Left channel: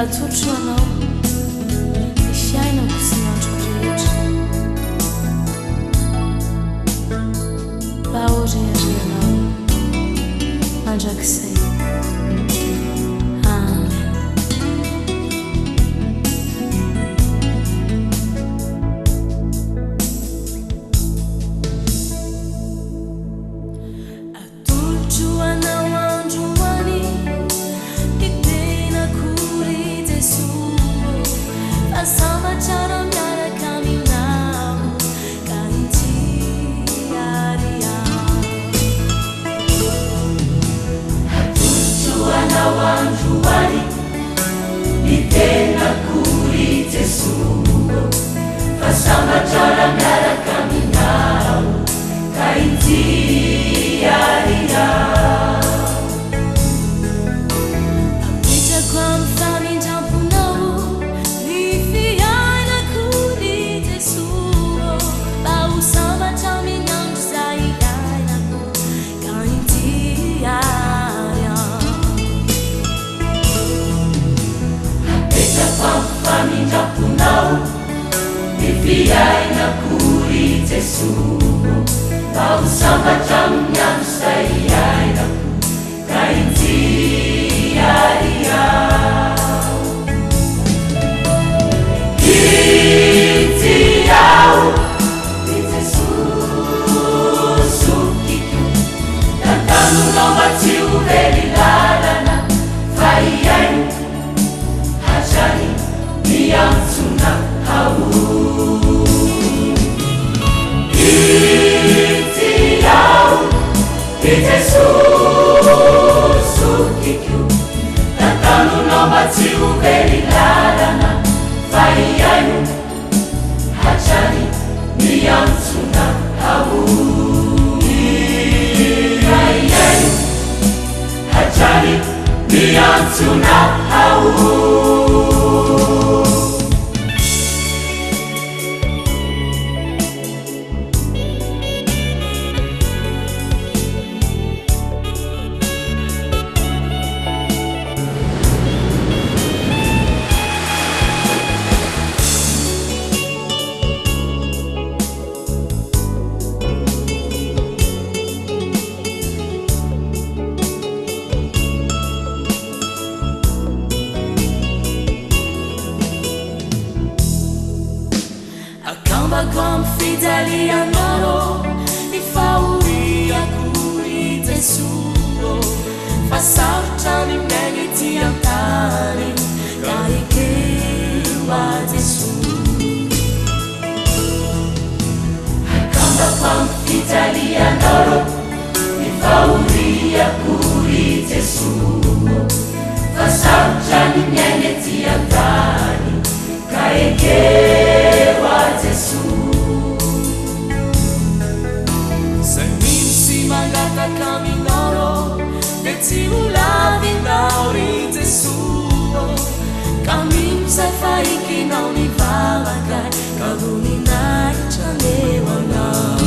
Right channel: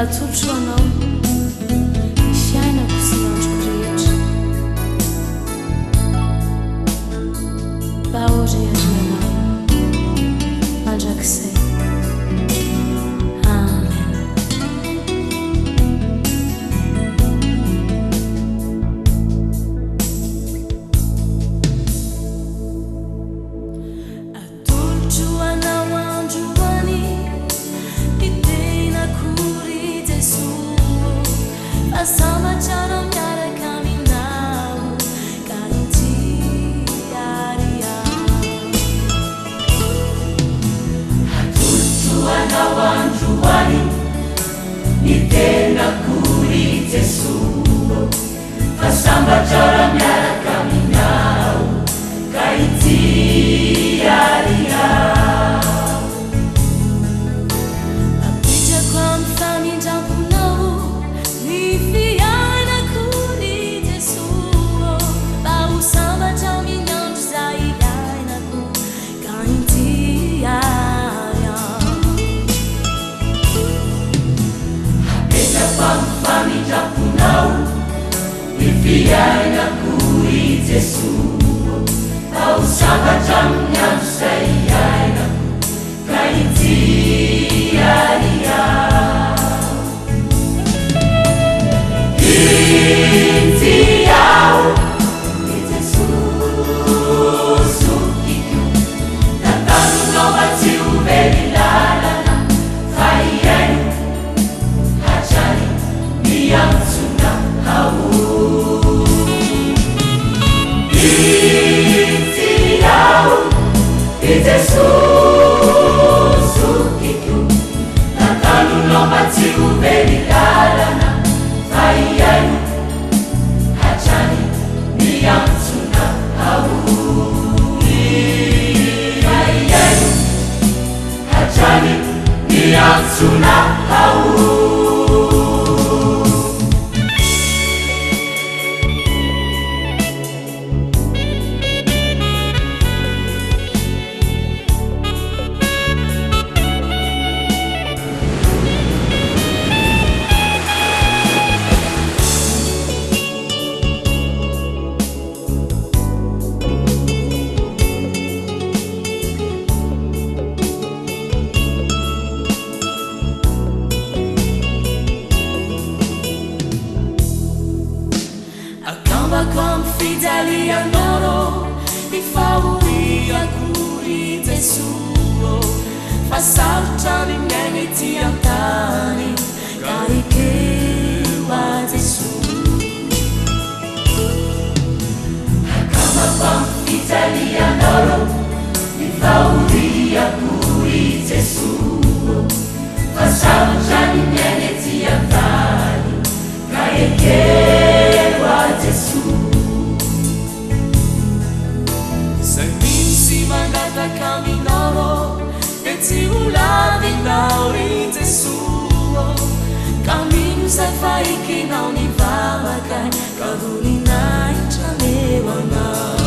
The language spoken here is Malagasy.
atolotro anao ny fiainako sy ny androko rehetra mba oreareanao mandrakizay. Amen. Atolotro anao androany ny tenakory Jesosy fa sambatra miaraka aminao ka intiary aho. Atolotro anao androany ny tenakory Jesosy fa sambatra miaraka aminao ka intiary aho. Apetrako amin'ny famindramponao ny fiainakory Jesosy mba ho sambatra amin'ny andro zay iainako ka intiary aho. Apetrako amin'ny famindramponao ny fiainakory Jesosy mba ho sambatra amin'ny andro zay iainako ka intiary aho. Akambako amin'ny fijalianao ny fahoriakory Jesosy fa sarotra ny miaigna ety an-tany ka ekeo a Jesosy. Akambako amin'ny fijalianao ny fahoriakory Jesosy fa sarotra ny miaigna ety an-tany ka ekeo a Jesosy. Zay misy mangataka aminao dia tsy ho lavinao ry Jesosy ka mino zay fa ekenao ny vavaka ka voninahitra meo anao.